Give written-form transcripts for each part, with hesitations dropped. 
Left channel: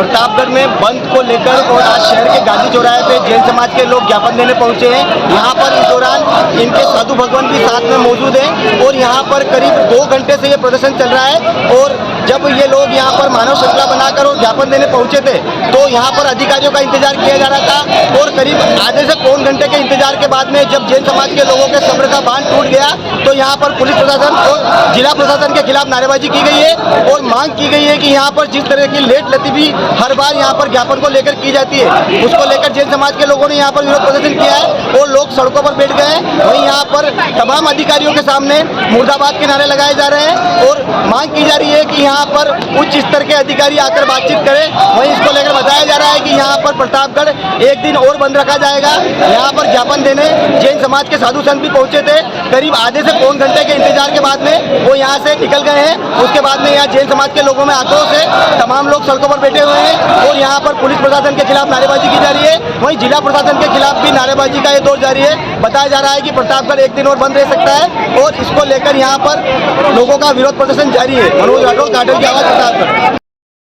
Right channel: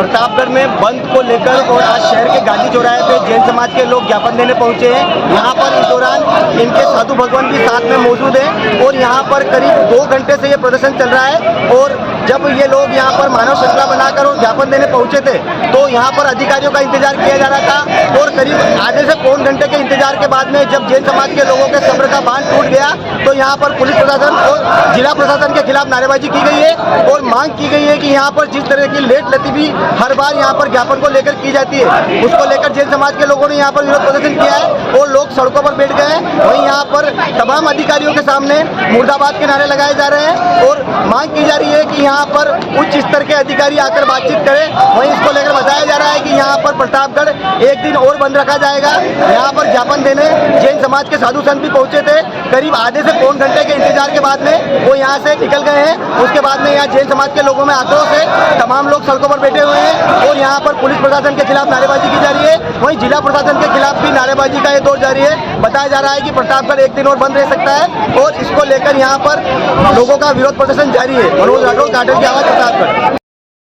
प्रतापगढ़ में बंद को लेकर और आज शहर के गांधी चौराहे पे जैन समाज के लोग ज्ञापन देने पहुंचे हैं। यहाँ पर इस दौरान इनके साधु भगवान भी साथ में मौजूद हैं और यहाँ पर करीब 2 घंटे से ये प्रदर्शन चल रहा है। और जब ये लोग यहाँ पर मानव श्रृंखला बनाकर और ज्ञापन देने पहुंचे थे तो यहाँ पर अधिकारियों का इंतजार किया जा रहा था और करीब आधे से पौन घंटे के इंतजार के बाद में जब जैन समाज के लोगों के सब्र का बांध टूट गया तो यहाँ पर पुलिस प्रशासन और जिला प्रशासन के खिलाफ नारेबाजी की गई है और मांग की गई है कि यहाँ पर जिस तरह की लेट लतीफी हर बार यहाँ पर ज्ञापन को लेकर की जाती है उसको लेकर जैन समाज के लोगों ने यहाँ पर विरोध प्रदर्शन किया है और लोग सड़कों पर बैठ गए हैं। वहीं यहाँ पर तमाम अधिकारियों के सामने मुर्दाबाद के नारे लगाए जा रहे हैं और मांग की जा रही है कि यहाँ पर उच्च स्तर के अधिकारी आकर बातचीत करें। वहीं इसको लेकर बताया जा रहा है कि यहाँ पर प्रतापगढ़ एक दिन और बंद रखा जाएगा। यहाँ पर ज्ञापन देने जैन समाज के साधु संत भी पहुंचे थे। करीब आधे से पौन घंटे के इंतजार के बाद में वो यहाँ से निकल गए हैं। उसके बाद में यहाँ जैन समाज के लोगों में आक्रोश है, तमाम लोग सड़कों पर बैठे हुए हैं और यहाँ पर पुलिस प्रशासन के खिलाफ नारेबाजी की जा रही है। वहीं जिला प्रशासन के खिलाफ भी नारेबाजी का ये दौर जारी है। बताया जा रहा है कि प्रतापगढ़ एक दिन और बंद रह सकता है और इसको लेकर यहाँ पर लोगों का विरोध प्रदर्शन जारी है। मनोज राठौर, काटन की आवाज, प्रतापगढ़।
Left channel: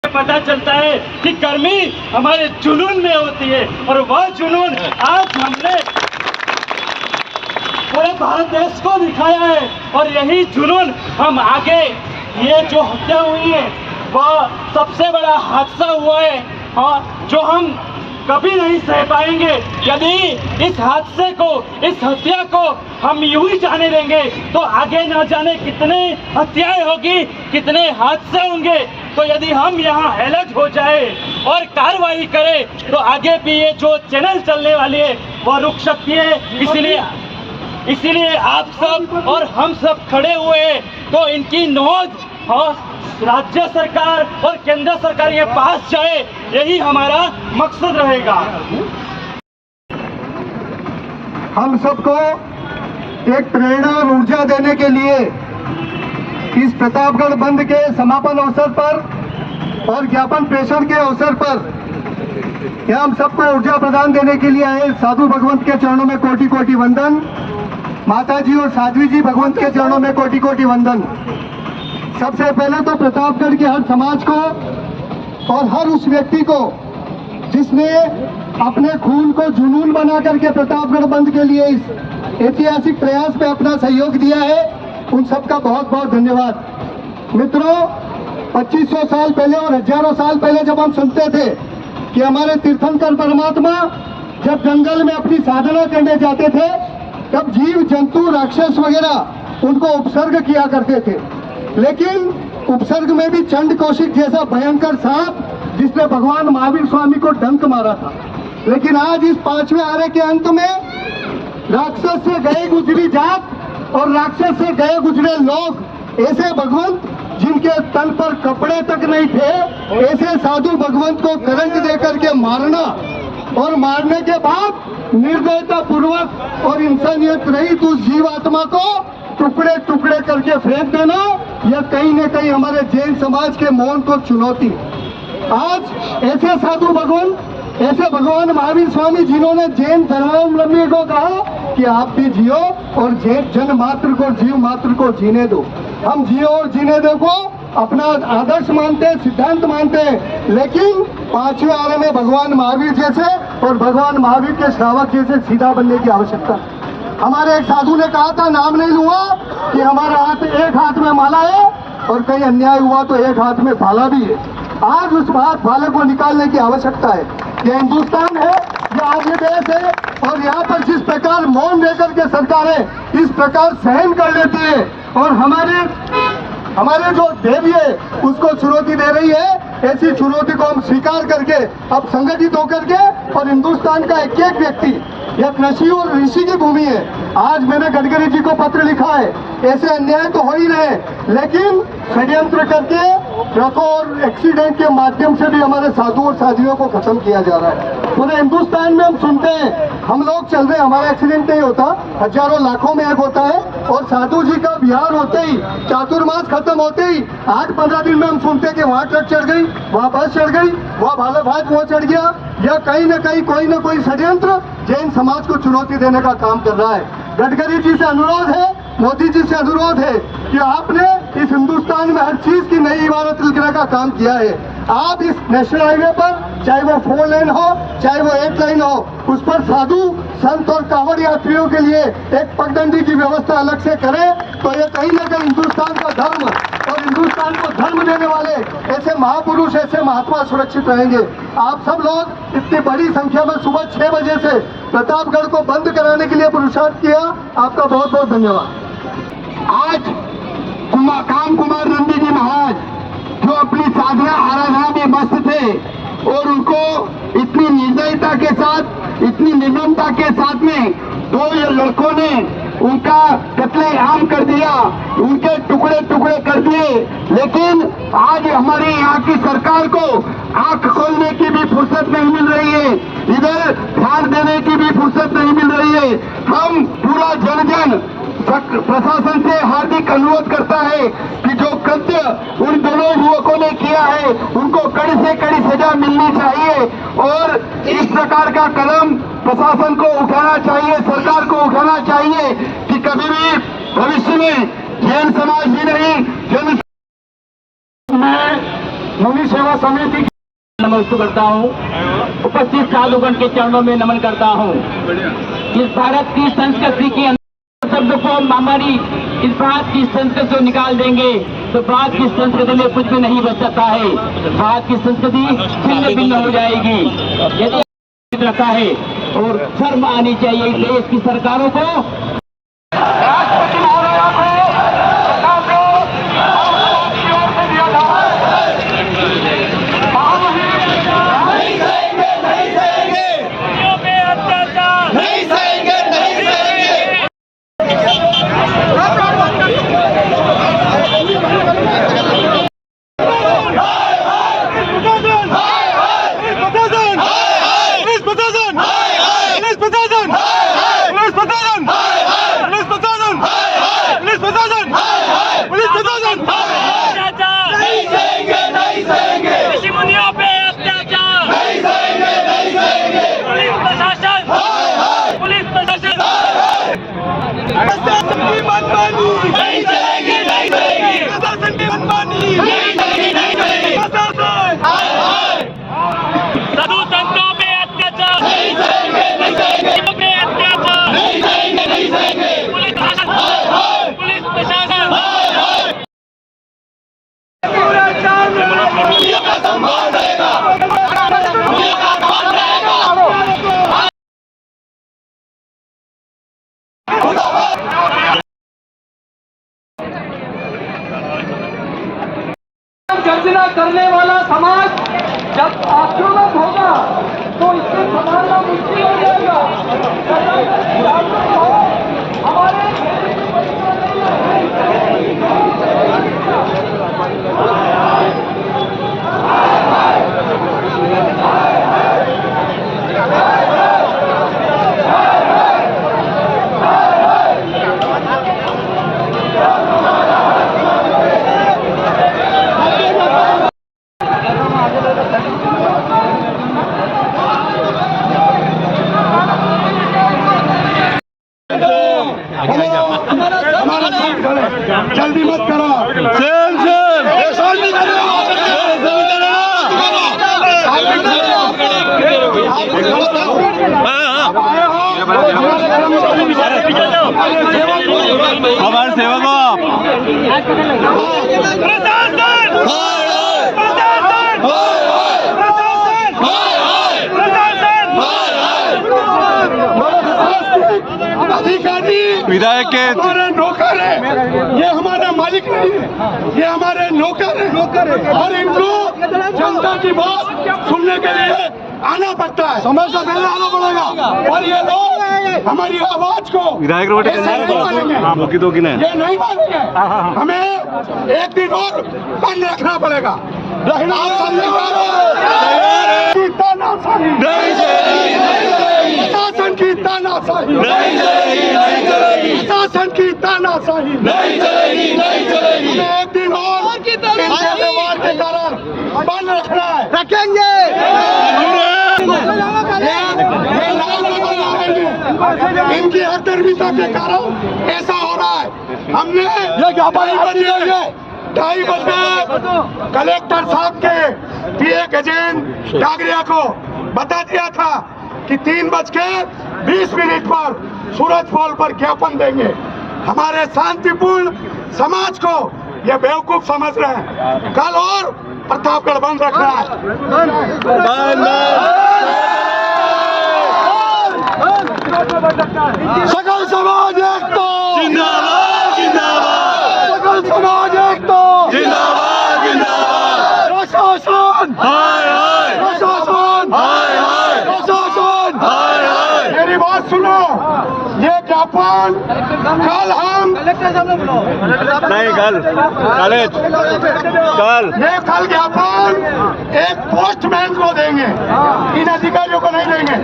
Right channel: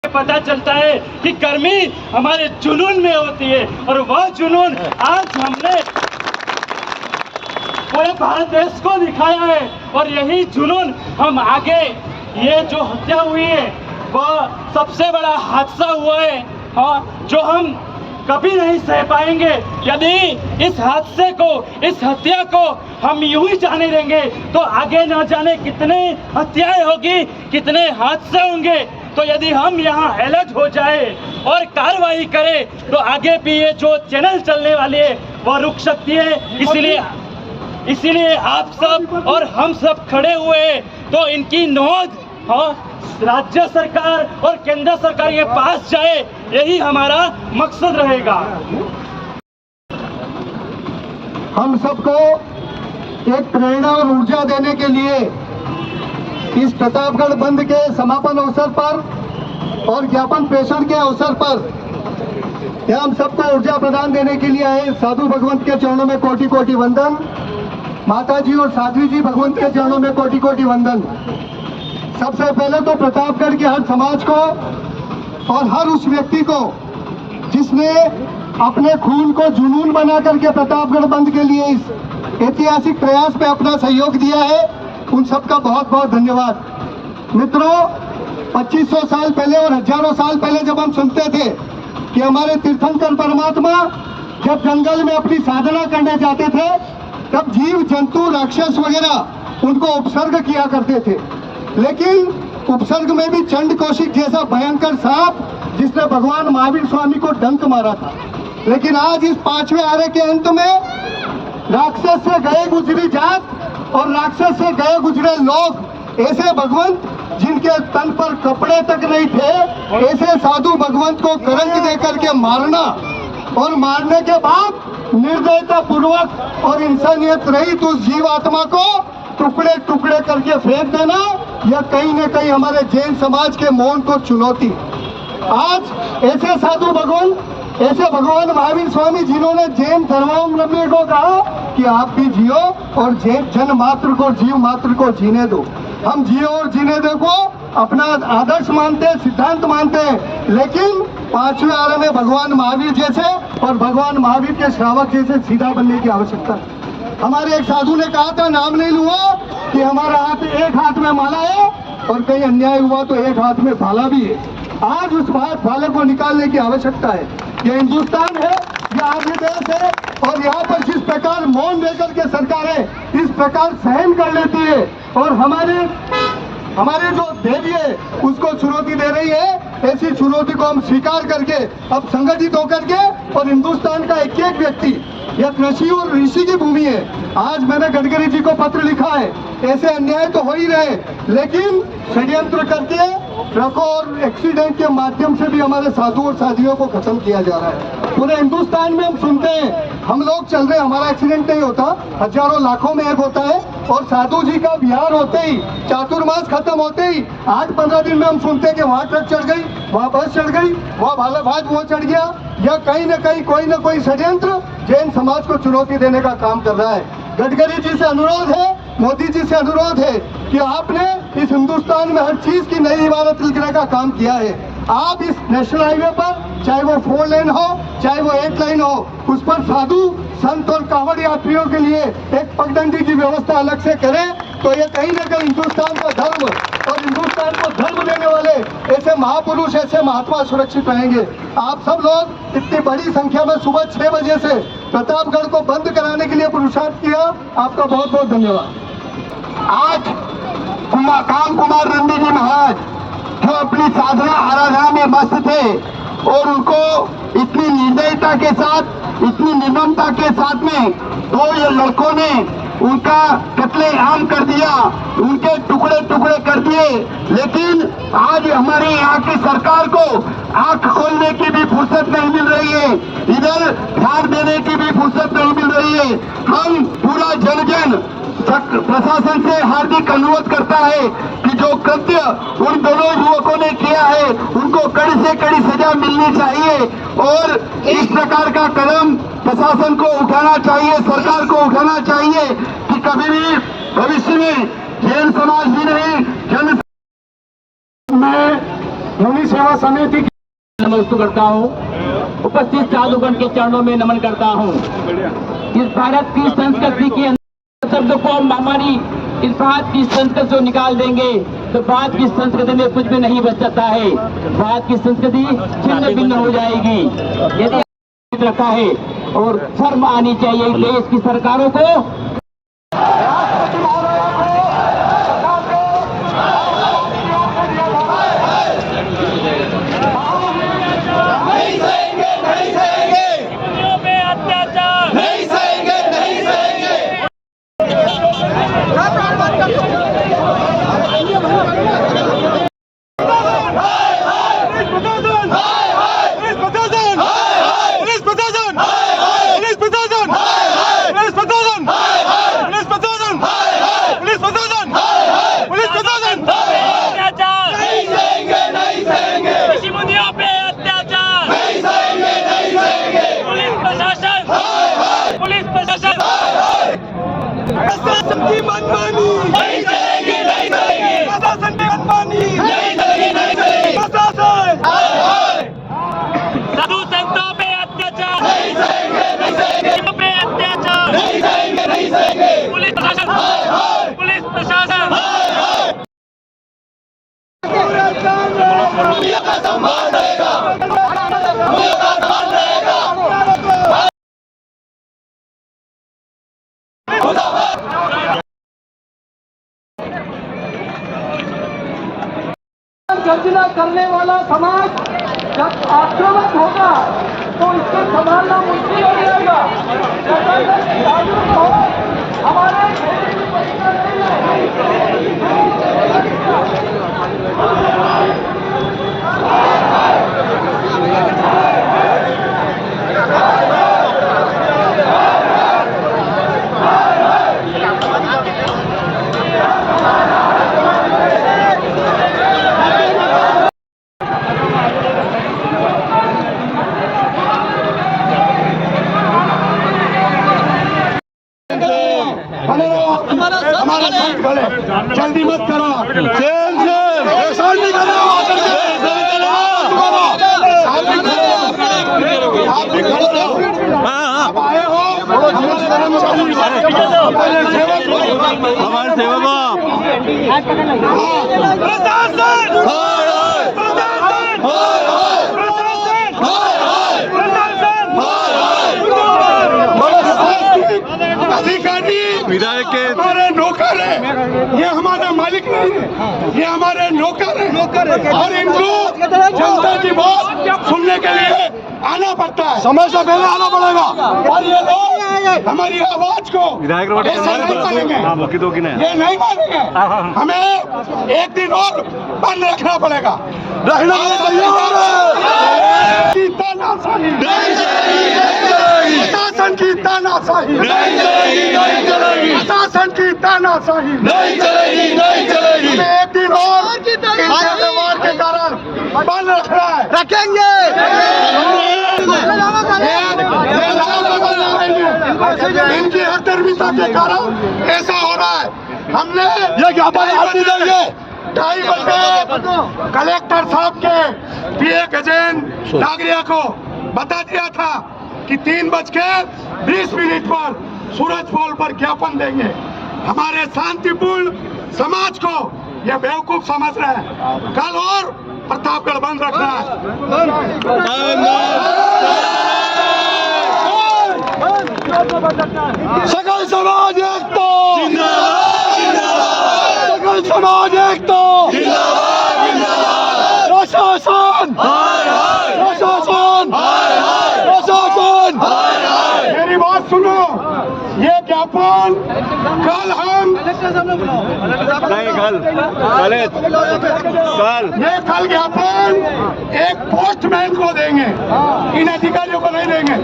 पता चलता है कि गर्मी हमारे जुनून में होती है और वह जुनून आज हमने पूरे भारत देश को दिखाया है और यही जुनून हम आगे, ये जो हत्या हुई है वह सबसे बड़ा हादसा हुआ है और जो हम कभी नहीं सह पाएंगे। यदि इस हादसे को, इस हत्या को हम यूं ही जाने देंगे तो आगे न जाने कितने हत्याएं होगी, कितने हादसे होंगे। तो यदि हम यहाँ अलर्ट हो जाए और कार्रवाई करें तो आगे भी ये जो चैनल चलने वाले है वह रुक सकती है। इसीलिए आप सब और हम सब खड़े हुए हैं तो इनकी नोट और राज्य सरकार और केंद्र सरकार के पास जाए, यही हमारा मकसद रहेगा। हम सबको एक प्रेरणा और ऊर्जा देने के लिए इस प्रतापगढ़ बंद के समापन अवसर पर और ज्ञापन प्रेषण के अवसर पर हम सबको ऊर्जा प्रदान देने के लिए आए। साधु भगवंत के चरणों में कोटि कोटि वंदन। माता जी और साध्वी जी भगवंत के चरणों में कोटि कोटि वंदन। सबसे पहले तो प्रतापगढ़ के हर समाज को और हर उस व्यक्ति को जिसने अपने खून को जुनून बना करके प्रतापगढ़ बंद के लिए इस ऐतिहासिक प्रयास में अपना सहयोग दिया है, उन सबका बहुत बहुत धन्यवाद। मित्रों, 2500 साल पहले और हजारों साल पहले जब हम सुनते थे कि हमारे तीर्थंकर परमात्मा जब जंगल में अपनी साधना करने जाते थे तब जीव जंतु राक्षस वगैरह उनको उपसर्ग किया करते थे, लेकिन उपसर्ग में भी चंड कौशिक जैसा भयंकर सांप जिसने भगवान महावीर स्वामी को डंक मारा था। लेकिन आज इस 5वें आरे के अंत में राक्षस से गए गुजरी जात और राक्षस से गए गुजरे लोग, ऐसे भगवंत जिनके तन पर कपड़े तक नहीं थे, ऐसे साधु भगवंत को करंट देकर के मारना और मारने के बाद निर्दयता पूर्वक और इंसानियत रहित उस जीवात्मा को टुकड़े टुकड़े करके फेंक देना, यह कहीं न कहीं हमारे जैन समाज के मौन को चुनौती। आज ऐसे साधु भगवान, ऐसे भगवान महावीर स्वामी जिन्होंने जैन धर्मावलंबी को कहा कि आप भी जियो और जन मात्र को, जीव मात्र को जीने दो। हम जियो और जीने दो को अपना आदर्श मानते हैं, सिद्धांत मानते हैं, लेकिन 5वें आरे में भगवान महावीर जैसे और भगवान महावीर के श्रावक जैसे सीधा बनने की आवश्यकता है। हमारे एक साधु ने कहा था, नाम नहीं लूंगा, कि हमारा हाथ एक हाथ में माला है और कहीं अन्याय हुआ तो एक हाथ में भाला भी है। आज उस भाले को निकालने की आवश्यकता है। ये हिंदुस्तान है, ये आर्य देश है और यहाँ पर जिस प्रकार मौन लेकर के सरकारें इस प्रकार सहन कर लेती है और हमारे जो देवी है उसको चुनौती दे रही है, ऐसी चुनौती को हम स्वीकार करके अब संगठित होकर के और हिंदुस्तान का एक एक व्यक्ति, यह कृषि और ऋषि की भूमि है। आज मैंने गडकरी जी को पत्र लिखा है, ऐसे अन्याय तो हो ही रहे, लेकिन षड्यंत्र करके ट्रकों और एक्सीडेंट के माध्यम से भी हमारे साधु और साध्वियों को खत्म किया जा रहा है। पूरे हिंदुस्तान में हम सुनते हैं, हम लोग चल रहे, हमारा एक्सीडेंट नहीं होता, हजारों लाखों में एक होता है और साधु जी का विहार होते ही, चातुर्मास खत्म होते ही 8-15 दिन में हम सुनते हैं कि वहाँ ट्रक चढ़ गई, वहाँ बस चढ़ गई, वहाँ भालाफाज वो चढ़ गया। या कहीं न कहीं कोई न कोई षड्यंत्र जैन समाज को चुनौती देने का काम कर रहा है। गडकरी जी से अनुरोध है, मोदी जी से अनुरोध है कि आपने इस हिंदुस्तान में हर चीज की नई इमारत लिखने का काम किया है। आप इस नेशनल हाईवे पर, चाहे वो 4 लेन हो चाहे वो 8 लाइन हो, उस पर साधु संत और कांवड़ यात्रियों के लिए एक पगडंडी की व्यवस्था अलग से करें, तो ये कहीं ना कहीं हिंदुस्तान का धर्म और हिंदुस्तान को धर्म देने वाले ऐसे महापुरुष, ऐसे महात्मा सुरक्षित रहेंगे। आप सब लोग इतनी बड़ी संख्या में सुबह 6 बजे से प्रतापगढ़ को बंद कराने के लिए पुरुषार्थ किया, आपका बहुत बहुत धन्यवाद। आज काम कुमार नंदी जी महाराज जो अपनी साधना आराधना में मस्त थे और उनको इतनी निर्दयता के साथ, इतनी निर्ममता के साथ में 2 ये लड़कों ने उनका कत्लेआम कर दिया, उनके टुकड़े टुकड़े कर दिए। लेकिन आज हमारे यहाँ की सरकार को आंख खोलने की भी फुर्सत नहीं मिल रही है, इधर ध्यान देने की भी फुर्सत नहीं मिल रही है। हम पूरा जन प्रशासन से हार्दिक अनुरोध करता है कि जो कृत्य उन दोनों युवकों ने किया है उनको कड़ी से कड़ी सजा मिलनी चाहिए और इस प्रकार का कदम प्रशासन को उठाना चाहिए, सरकार को उठाना चाहिए कि कभी भी भविष्य में जैन समाज भी नहीं, जन मैं मुनि सेवा समिति की नमस्कार करता हूँ, उपस्थित साधुगण के चरणों में नमन करता हूँ। इस भारत की संस्कृति के शब्द को हमारी इस बात की संस्कृति जो निकाल देंगे तो बात की संस्कृति में कुछ भी नहीं बच सकता है। बात की संस्कृति छिन्न भिन्न हो जाएगी। यदि रखा है और शर्म आनी चाहिए देश की सरकारों को। साधु संतों पे अत्याचार, पुलिस प्रशासन गर्जना करने वाला समाज जब आक्रामक होगा तो इससे संभालना मुश्किल हो जाएगा। हमारे हमारा संत खड़े, जल्दी मत करो। आप आए हो हमारे कर्मचारी, हमारे सेवक, हमारे सेवक अधिकारी विधायक के हमारे नौकर है, ये हमारा मालिक नहीं है, ये हमारे नौकर है और इनको जनता की बात सुनने के लिए आना पड़ता है, समय से पहले आना पड़ेगा। और ये लोग हमारी आवाज को विधायक ऐसे नहीं मानेंगे, ये नहीं मानेंगे। हमें एक दिन और बंद रखना पड़ेगा, प्रशासन की तानाशाही, प्रशासन की तानाशाही हमें एक दिन और इनके व्यवहार के कारण बंद रखना है, रखेंगे। इनकी हरदर्मिता के कारण ऐसा हो रहा है। हमने ये ज्ञापन 2:30 बजे कलेक्टर साहब के पीए गजेंद्र नागरिया को बता दिया था कि 3:20 पर सूरज पोल पर ज्ञापन देंगे। हमारे शांतिपूर्ण समाज को ये बेवकूफ समझ रहे हैं। कल और प्रतापगढ़ बंद रखना है। सकल समाज एकता, सकल समाज एकता, प्रशासन प्रशासन प्रशासन, मेरी बात सुनो। ये ज्ञापन कल हम ये कल ज्ञापन एक पोस्टमैन को देंगे, इन अधिकारियों को नहीं देंगे।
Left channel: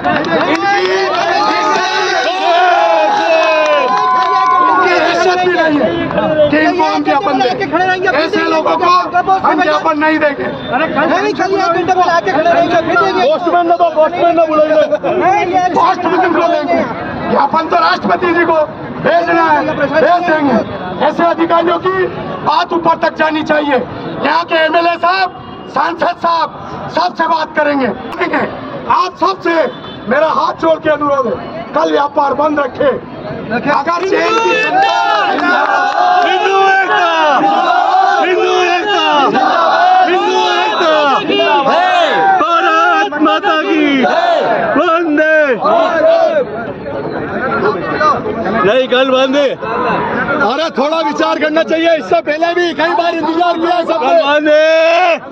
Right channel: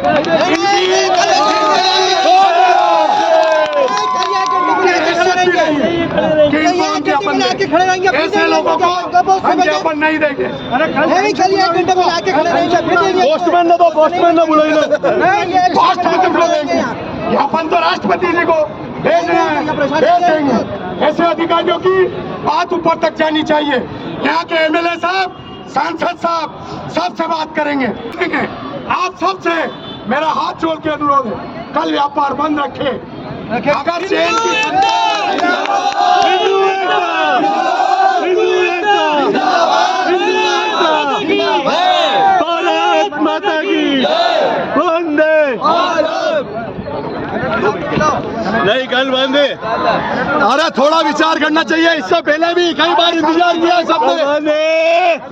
इनको हम ज्ञापन देंगे, ऐसे लोगों को हम ज्ञापन नहीं देंगे। पोस्टमैन ने तो पोस्टमैन ने बुलाइए, पोस्टमैन को देंगे ज्ञापन तो राष्ट्रपति जी को भेजना है, भेज देंगे। ऐसे अधिकारियों की बात ऊपर तक जानी चाहिए। यहाँ के एमएलए साहब, सांसद साहब सबसे बात करेंगे। आप सबसे मेरा हाथ जोड़ के अनुरोध है, कल व्यापार बंद रखे। अगर चैन भारत माता की वंदे नहीं, कल बंद है। अरे थोड़ा विचार करना चाहिए, इससे पहले भी कई बार इंतजार किया सबने।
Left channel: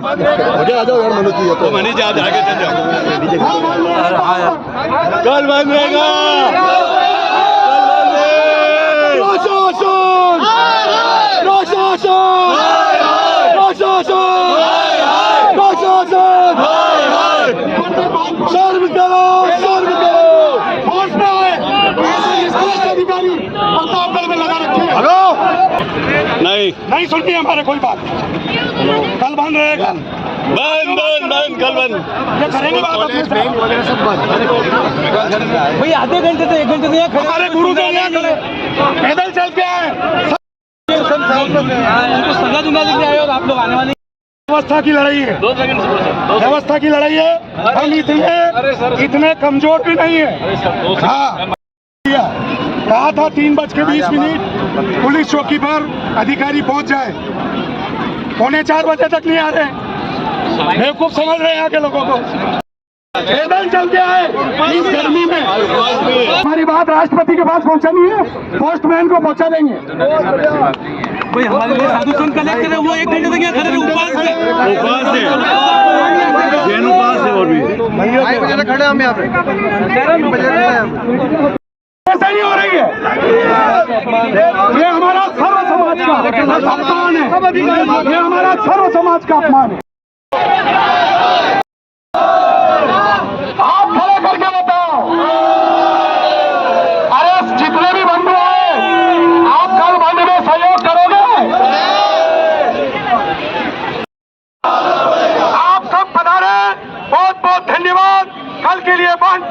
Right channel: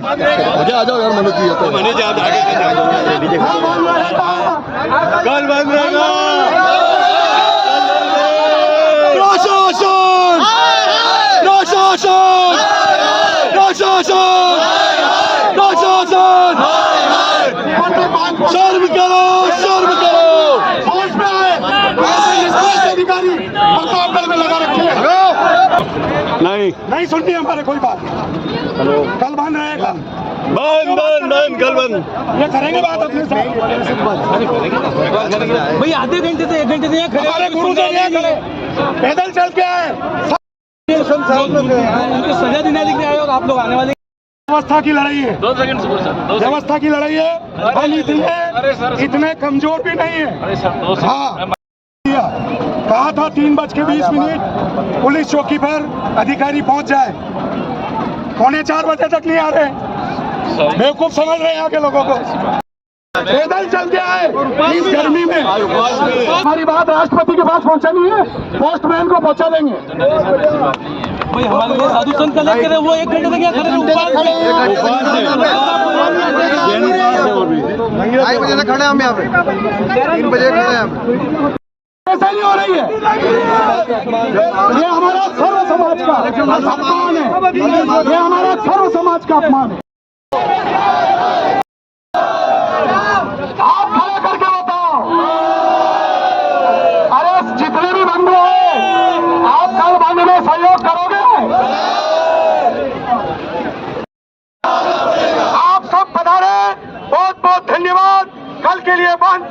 मुझे आ जाओ यार, मनीष जी तो मनीष जी आप आगे कल बंद रहेगा। प्रशासन प्रशासन प्रशासन प्रशासन, शर्म करो शर्म करो। फोर्स में ऐसे अधिकारी प्रतापगढ़ में लगा रखे हैं। नहीं सुनती हमारे कोई बात। कल बंद रहेगा, बंद बंद बंद, कल बंद। ये करेंगे बात अपने भाई, आधे घंटे से 1 घंटे से हमारे गुरुदेव पैदल चल के आए, उनको सजा दिलाने के लिए आए और आप लोग आने वाले। व्यवस्था की लड़ाई है, 2 सेकंड व्यवस्था की लड़ाई है। हम इतने कमजोर भी नहीं है। हाँ, कहा था 3:20 पुलिस चौकी पर अधिकारी पहुंच जाए, 3:45 बजे तक नहीं आ रहे। बेवकूफ समझ रहे हैं यहाँ के लोगों को। पैदल चल के आए इस गर्मी में। हमारी बात राष्ट्रपति के पास पहुंचानी है, पोस्टमैन को पहुंचा देंगे। भाई हमारे लिए साधु संत का लेकर वो 1 घंटे तक यहाँ खड़े रहे, उपवास से खड़े हम यहाँ पे। 3 बजे ऐसा नहीं हो रही है। ये हमारा सर्व समाज का अपमान है, ये हमारा सर्व समाज का अपमान है। आप खड़े करके बताओ, अरे जितने भी बंधु हैं, आप कल बंद में सहयोग करोगे? आप सब पधारे, बहुत बहुत धन्यवाद। कल के लिए बंद।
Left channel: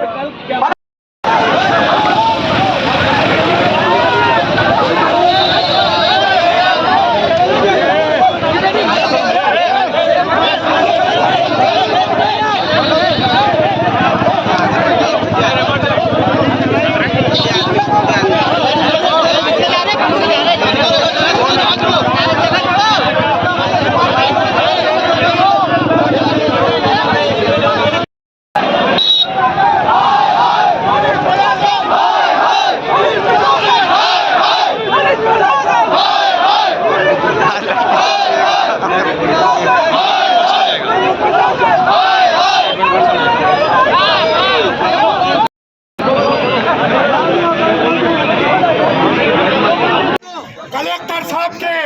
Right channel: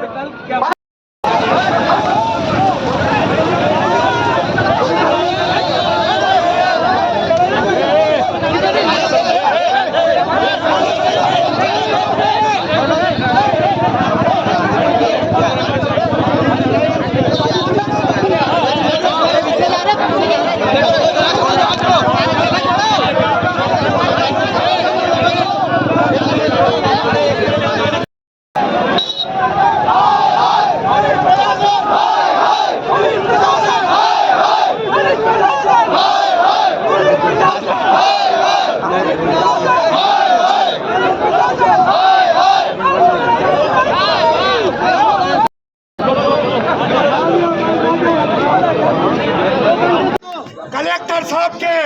कलेक्टर साहब के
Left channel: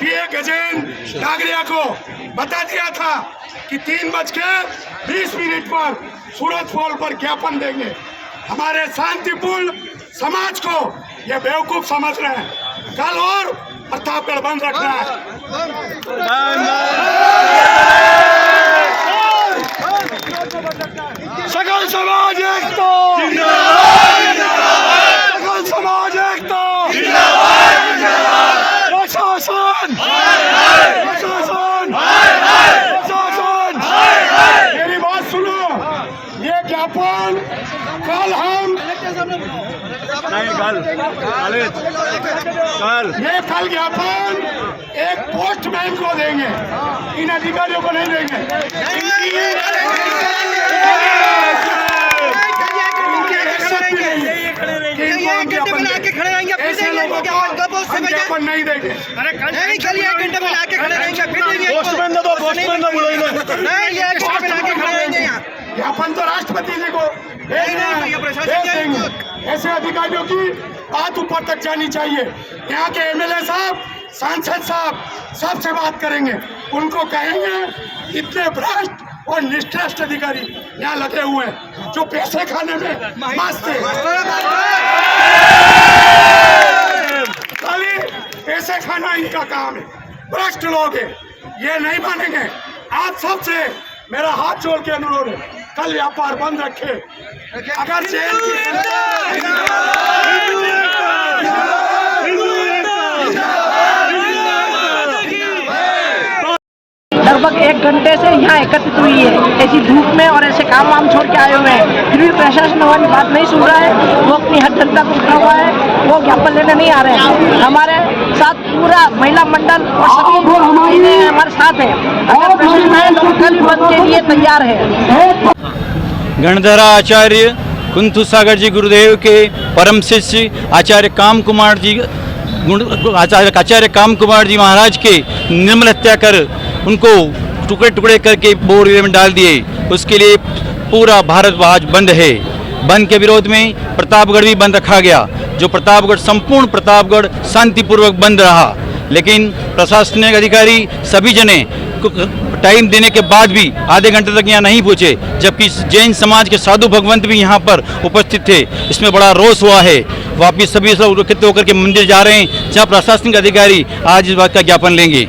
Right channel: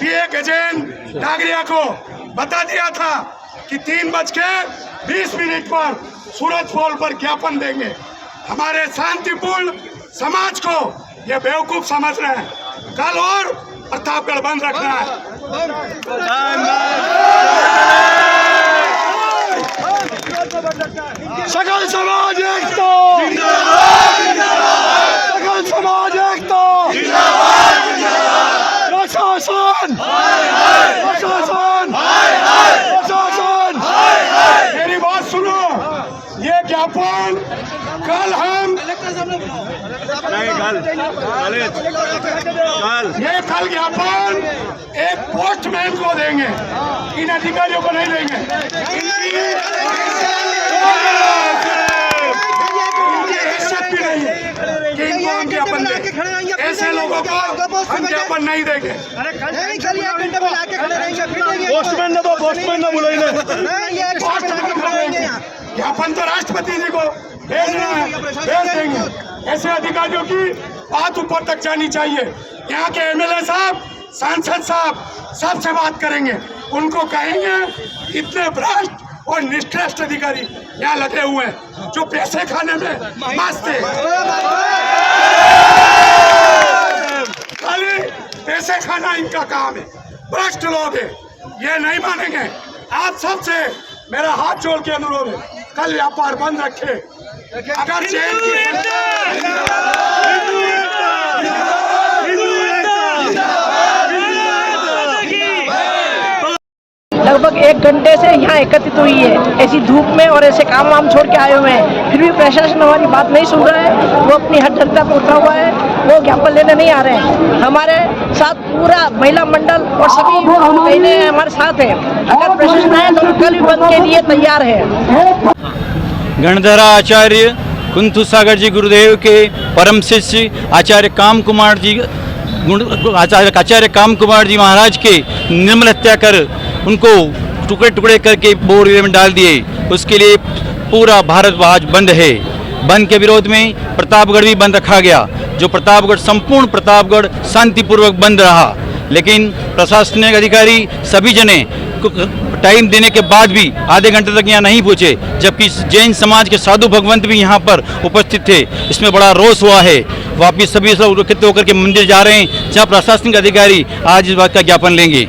पीए गजेंद्र नागरिया को बता दिया था कि 3:20 पर सूरज पोल पर ज्ञापन देंगे। हमारे शांतिपूर्ण समाज को ये बेवकूफ समझ रहे हैं। कल और प्रतापगढ़ बंद रखना है। सकल समाज एकता, सकल समाज एकता, प्रशासन ये कल ज्ञापन एक पोस्टमैन को देंगे, इन अधिकारियों को नहीं देंगे। इनकी हैसियत भी नहीं है कि इनको हम ज्ञापन दें। ऐसे लोगों को हम ज्ञापन नहीं देंगे। पोस्टमैन ने तो पोस्टमैन ने बोला ज्ञापन तो राष्ट्रपति जी को भेजना है, भेज देंगे। ऐसे अधिकारियों की बात ऊपर तक जानी चाहिए। यहाँ के एमएलए साहब, सांसद साहब सबसे बात करेंगे, उनको कहेंगे इतने भ्रष्ट और निष्ठ्रष्ट अधिकारी यहाँ लगे हुए हैं जो पैसे खाने में मस्त है, खाली पैसे खाना इनका काम है, भ्रष्ट लोग हैं, ये नहीं मानेंगे। आप सबसे मेरा हाथ जोड़ के अनुरोध है, कल व्यापार बंद रखे। अगर जेल की लगभग 1 घंटे से यहाँ एकत्रित हुई है, ऐसी धूप में और ऐसे काम वाम छोड़ के आए हुए हैं, फिर भी प्रशासन हमारी बात नहीं सुन रहा है। वो अपनी हर जनता को उठा हुआ है, वो ज्ञापन लेने नहीं आ रहे हैं। हमारे साथ पूरा महिला मंडल और सभी महिलाएं हमारे साथ है। अगर प्रशासन आए तो कल बंद के लिए तैयार है। गणधरा आचार्य कुंथु सागर जी गुरुदेव के परम शिष्य आचार्य काम कुमार जी महाराज के निर्मल हत्या कर उनको टुकड़े टुकड़े करके बोरे में डाल दिए। उसके लिए पूरा भारत आज बंद है। बंद के विरोध में प्रतापगढ़ भी बंद रखा गया, जो प्रतापगढ़ संपूर्ण प्रतापगढ़ शांतिपूर्वक बंद रहा। लेकिन प्रशासनिक अधिकारी सभी जने टाइम देने के बाद भी आधे घंटे तक यहाँ नहीं पहुँचे, जबकि जैन समाज के साधु भगवंत भी यहाँ पर उपस्थित थे। इसमें बड़ा रोष हुआ है। वापिस सभी लोग एकत्रित होकर के मंदिर जा रहे हैं, जहाँ प्रशासनिक अधिकारी आज इस बात का ज्ञापन लेंगे।